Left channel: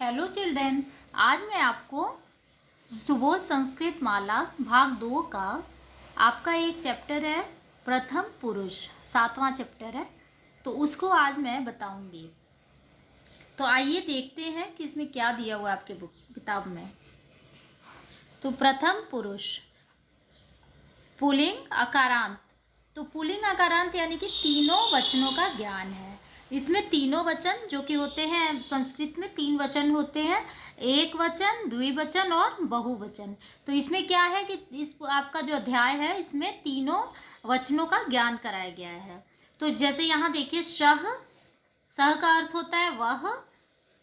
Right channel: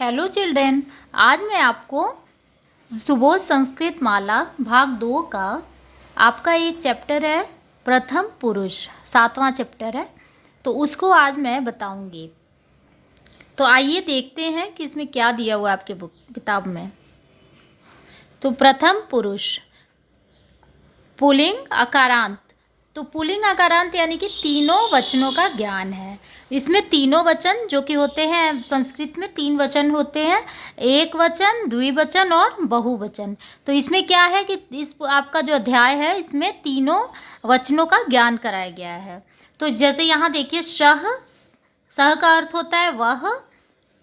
Hello children. आज मैं आपको सुबोध संस्कृत माला भाग 2 का आपका एक चैप्टर है प्रथम पुरुष, 7वां चैप्टर है, तो उसको आज मैं बताऊंगी। तो आइए देखते हैं कि इसमें क्या दिया हुआ है आपके किताब में। तो प्रथम पुरुष पुल्लिंग अकारांत। तो पुल्लिंग अकारांत यानी कि तीनों वचनों का ज्ञान है। इसमें तीनों वचन जो कि होते हैं, संस्कृत में 3 वचन होते हैं, एक वचन, द्विवचन और बहुवचन। तो इसमें क्या है कि इस आपका जो अध्याय है इसमें तीनों वचनों का ज्ञान कराया गया है। तो जैसे यहाँ देखिए, सह का अर्थ होता है वह,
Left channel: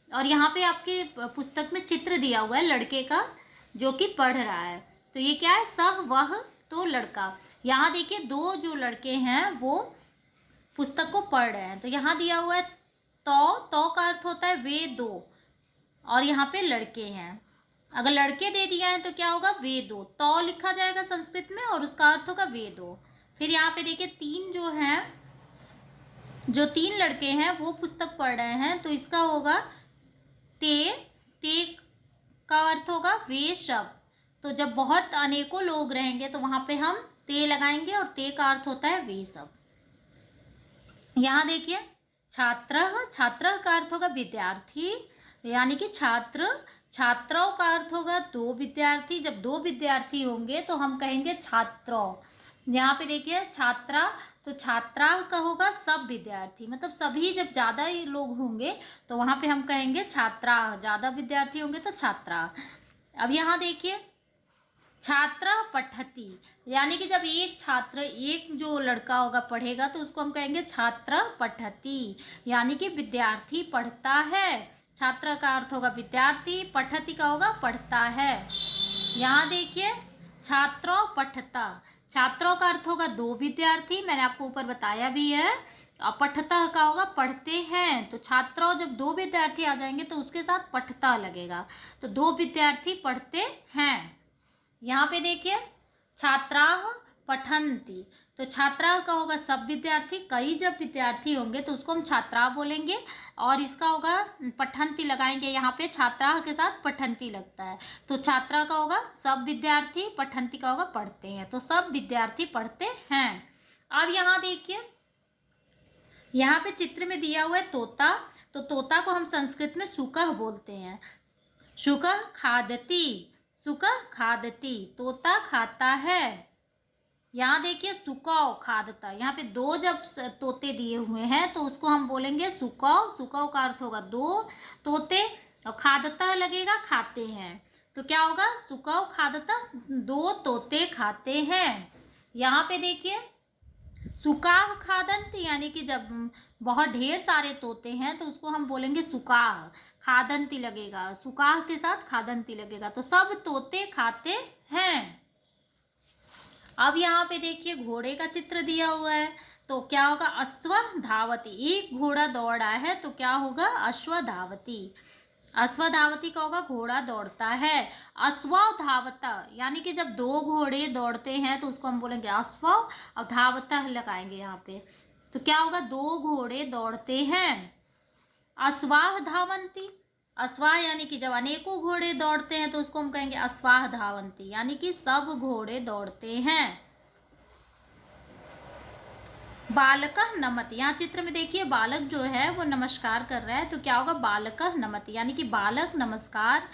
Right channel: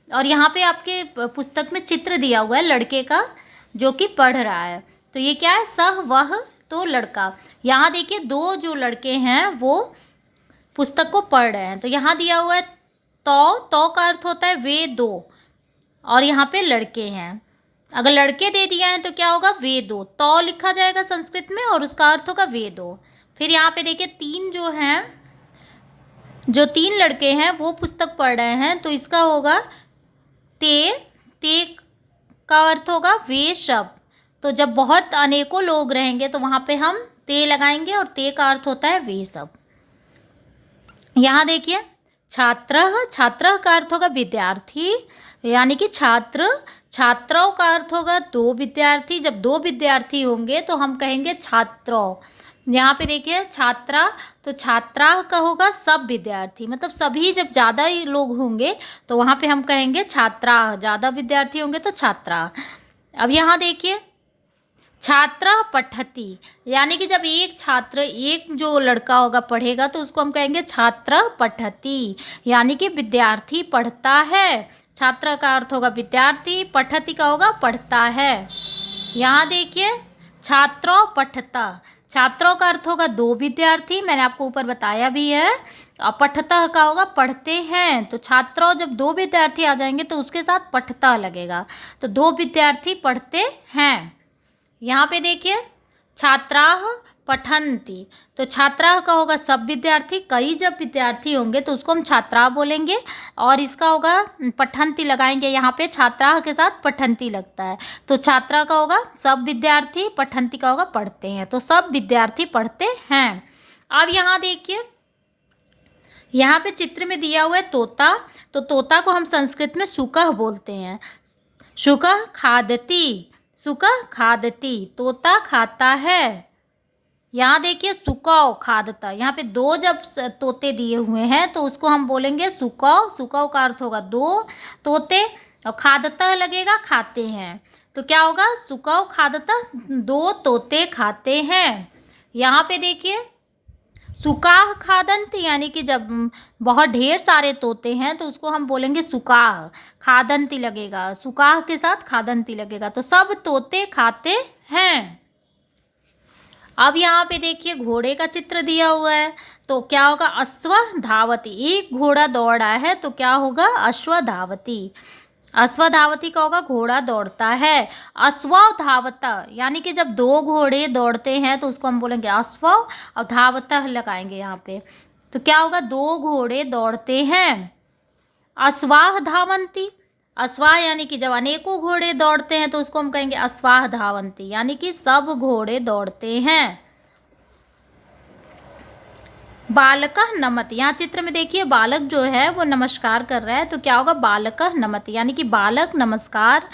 और यहाँ पे आपके पुस्तक में चित्र दिया हुआ है लड़के का जो कि पढ़ रहा है। तो ये क्या है, सह वह, तो लड़का। यहाँ देखिए दो जो लड़के हैं वो पुस्तक को पढ़ रहे हैं। तो यहाँ दिया हुआ है तो का अर्थ होता है वे दो, और यहाँ पे लड़के हैं। अगर लड़के दे दिया है तो क्या होगा, वे दो। तो लिखा जाएगा संस्कृत में और उसका अर्थ होगा वे दो। फिर यहाँ पे देखिए तीन जो हैं, जो 3 लड़के हैं वो पुस्तक पढ़ रहे हैं, तो इसका होगा ते का अर्थ होगा वे शब्द। तो जब बहुत अनेकों लोग रहेंगे तो वहाँ पे हम ते लगाएंगे, और ते का अर्थ होता है वे सब। यहाँ देखिए छात्र, छात्र का अर्थ होगा विद्यार्थी, यानी कि छात्र। छात्रों का अर्थ होगा 2 विद्यार्थी। जब 2 विद्यार्थी होंगे तो हम कहेंगे छात्रों। यहाँ पे देखिए छात्रा, तो छात्रा का होगा सब विद्यार्थी, मतलब सभी जब ज़्यादा ही लोग होंगे तो वहाँ पे हम कहेंगे छात्रा, ज़्यादा विद्यार्थी होंगे तो छात्रा। अब यहाँ देखिए छात्रा पठती, यानी कि जब एक छात्र, एक जो लड़का होगा पढ़ेगा तो उसको हम कहेंगे छात्र पठती, यानी कि विद्यार्थी पढ़ता है। छात्र का अर्थ होगा विद्यार्थी, पठती का होगा पढ़ता है। यहाँ देखिए छात्रों पठता, छात्रों का अर्थ होगा 2 विद्यार्थी, मैंने आपको ऊपर बताया भी है। और पठता का होगा पढ़ते हैं। तो छात्रों जब 2 विद्यार्थी आ जाएंगे तो उसके साथ पठता लगेगा, तो 2 विद्यार्थी पढ़ते हैं। यहाँ पे देखिए छात्राः पठन्ति, तो छात्रा का होगा सब विद्यार्थी, कई जब विद्यार्थी होंगे तो उसको हम छात्रा बोलेंगे, और इसका होगा पठन्ति लगाएंगे यहाँ पे, छात्रा के साथ पठन्ति लगता है। तो छात्रा का होगा सब विद्यार्थी, पठन्ति का होगा पढ़ते हैं, तो सब विद्यार्थी पढ़ते हैं। अब यहाँ देखिए, यहाँ पे चित्र में दिया हुआ है तोता। तो तोता को हम संस्कृत में सुकह बोलते हैं। सुकह खादती, सुकह खादती, तोता खाता है। यहाँ देखिए सुकौ खादता, यहाँ पे 2 जब तोते दिए हुए हैं तो उसको हम बोलेंगे सुकौ। सुकौ का अर्थ होगा 2 तोते, और खादता लगेगा खाते हैं, तो क्या होगा सुकौ खादता, 2 तोते खाते हैं। यहाँ पे देखिए सुकाह खादंत, यानी कि जब बहुत ढेर सारे तोते हैं तो उसको हम बोलेंगे सुकाह, खादंती लगेगा, सुकाह के साथ खादंती लगेगा, तो सब तोते खाते हैं। अब यहाँ पे देखिए घोड़े का चित्र दिया हुआ है, तो क्या होगा अश्व धावती, एक घोड़ा दौड़ा है तो क्या होगा अश्व धावती। अश्व धावती का होगा घोड़ा दौड़ता है। अश्व धावता, यानी कि जब 2 घोड़े दौड़ते हैं तो उसको हम बोलेंगे अश्व, और धावतः लगाएंगे यहाँ पे, तो क्या होगा 2 घोड़े दौड़ते हैं। अश्वाह धावंती, अश्वाह यानी कि जब अनेकों घोड़े दौड़ते हैं तो उसको हम कहेंगे अश्वाह धावंती, यानी कि सब घोड़े दौड़ते हैं। बालकः नमति, यहाँ चित्र में देखिए बालक जो है वो नमस्कार कर रहा है, तो क्या होगा बालकः नमति, यानी कि बालक नमस्कार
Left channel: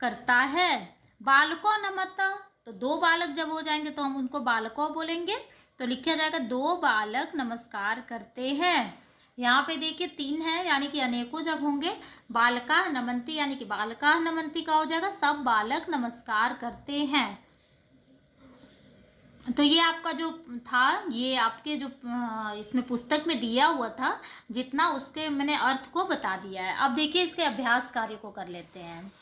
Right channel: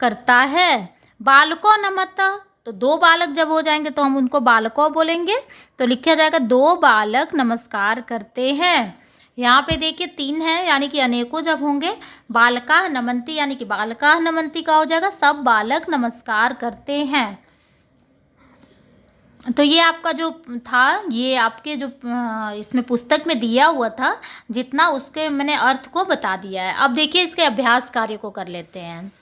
करता है। बालको नमत, तो 2 बालक जब हो जाएंगे तो हम उनको बालकों बोलेंगे, तो लिखा जाएगा 2 बालक नमस्कार करते हैं। यहाँ पे देखिए 3 है, यानी कि अनेकों जब होंगे, बालका नमंती, यानी कि बालका नमंती का हो जाएगा सब बालक नमस्कार करते हैं। तो ये आपका जो था, ये आपके जो इसमें पुस्तक में दिया हुआ था, जितना उसके मैंने अर्थ को बता दिया है। अब देखिए इसके अभ्यास कार्य को कर लेते हैं।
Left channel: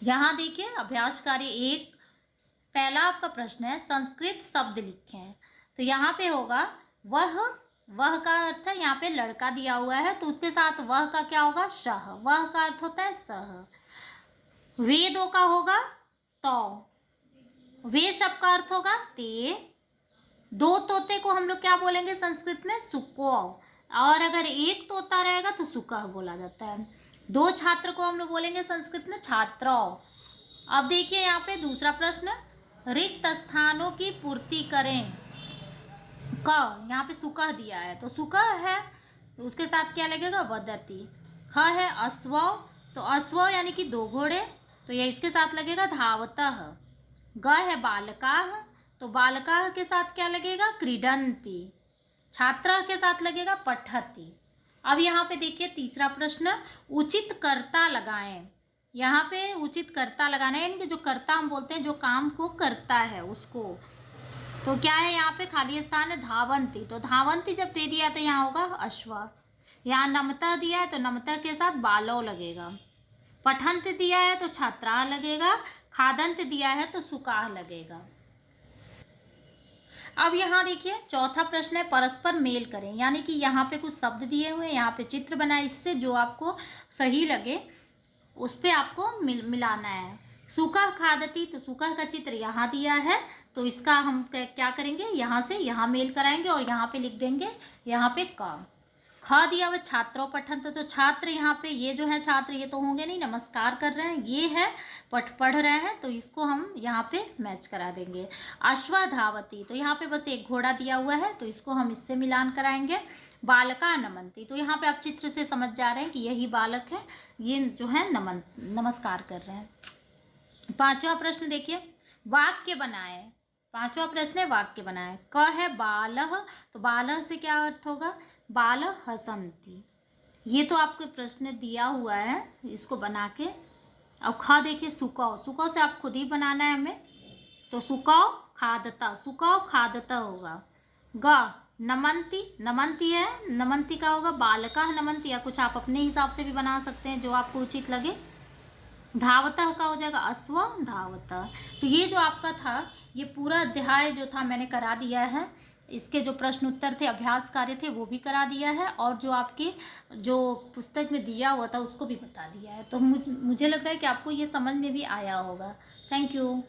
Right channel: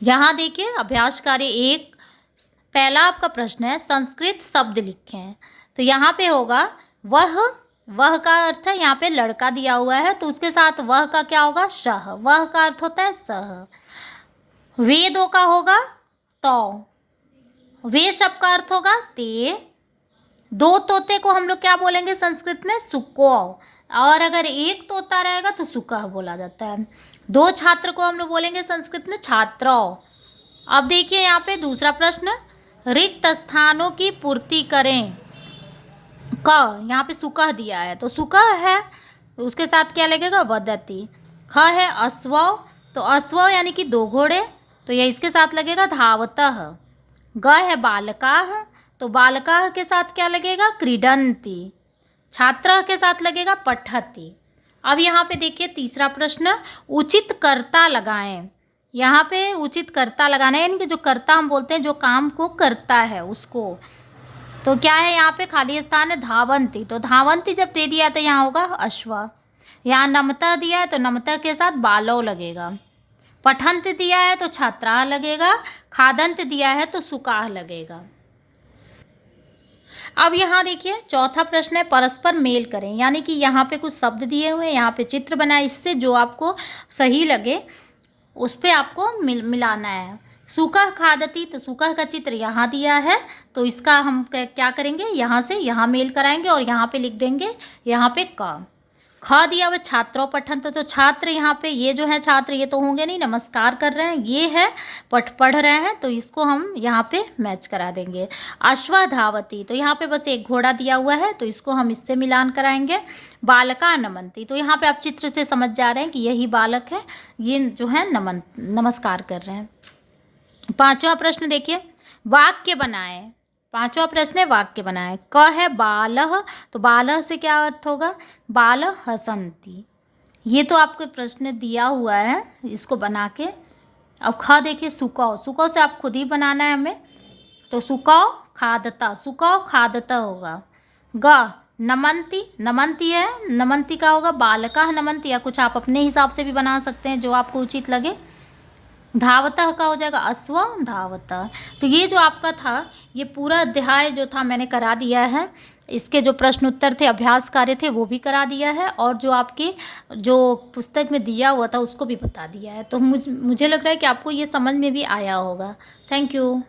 यहाँ देखिए अभ्यास कार्य 1, पहला आपका प्रश्न है संस्कृत शब्द लिखें। तो यहाँ पे होगा वह का अर्थ है, यहाँ पे लड़का दिया हुआ है तो उसके साथ वह का क्या होगा शह, वह का अर्थ होता है सह। वेदों का होगा तो, वे शब्द का अर्थ होगा ते। 2 तोते को हम लोग क्या बोलेंगे संस्कृत में सुको, और अगर एक तोता रहेगा तो सुकह बोला जाता है। दो छात्र को हम लोग बोलेंगे संस्कृत में छात्रौ। अब देखिए यहाँ पे दूसरा प्रश्न, रिक्त स्थानों की पूर्ति करें। क, यहाँ पे सुकह दिया है तो सुकह है, उसके साथ क्या लगेगा, वदति। ख है अश्व, तो अश्व यानी कि दो घोड़े, तो यह इसके साथ लगेगा धावतः। ग है बालकाः, तो बालकाः के साथ क्या लगेगा, क्रीडन्ति। छात्र के साथ लगेगा पठति। अब यहाँ पे देखिए तीसरा प्रश्न, उचित कर्ता लगाएं। यहाँ पे उचित कर्ता लगाना है, यानी कि जो कर्ता हम बोलते हैं जो काम को करता है उसको। तो क्या है यहाँ पे खाली स्थान है, धावंती। तो धावंती जब दे दिया तो यहाँ होगा अश्व। यहाँ नमता दिया है तो नमता के साथ बालव लगेगा। पठंत दिया है तो छात्रा लगेगा। खादंत दिया है तो सुकाह लगेगा। अब यहाँ देखिए चौथा प्रश्न है, परस्पर मेल करें। यानी कि यहाँ पे कुछ शब्द दिए हुए हैं, यहाँ पे चित्र बनाए, इससे जो आपको सही लगे उस पे आपको मिलाना है। सुकह खादती, तो सुकह का चित्र यहाँ दिया है, तो इसका हम क्या करेंगे, यहाँ से यहाँ मेल कराएंगे और यहाँ पे लिख देंगे, यहाँ पे क। ख दिया हुआ छात्रों पठन, तो छात्र यहाँ पे ये जो है छात्र ये तो होंगे नहीं, नमस्कार कर रहे हैं, ये है पढ़ रहे हैं, तो इसको हम यहाँ पे मैच करा देंगे। अश्व धावती, तो यहाँ पे बस एक घोड़ा दिया हुआ है तो इसको हम इससे मिलान कराएंगे। बालका नमनती, तो यहाँ पे आप चित्र से समझ जा रहे हैं कि यही बालक है, ये जो है नमस्कार कर रहे हैं। पांचवा प्रश्न देखिए, वाक्य बनाए। पांचवा प्रश्न है वाक्य बनाए। क है बालः, तो बालः से क्या अर्थ होगा, बाल हसंती। ये तो आपको प्रश्न दिया हुआ है, इसको बना के। अब ख देखिए सुकौ, सुकौ से आप खुद ही बनाना है हमें, तो सुकौ खादता, सुकौ खादता होगा। ग नमंती, नमंती है, नमंती का होगा बालका नमंती, या कुछ आप अपने हिसाब से भी बना सकते हैं जो आपको उचित लगे। धावतः का हो जाएगा अश्व धावतः। तो ये जो आपका था, ये पूरा अध्याय जो था मैंने करा दिया है। इसके जो प्रश्न उत्तर थे, अभ्यास कार्य थे, वो भी करा दिया है, और जो आपकी जो पुस्तक में दिया हुआ था उसको भी बता दिया है। तो मुझे लग रहा है कि आपको ये समझ में भी आया होगा। Thank you.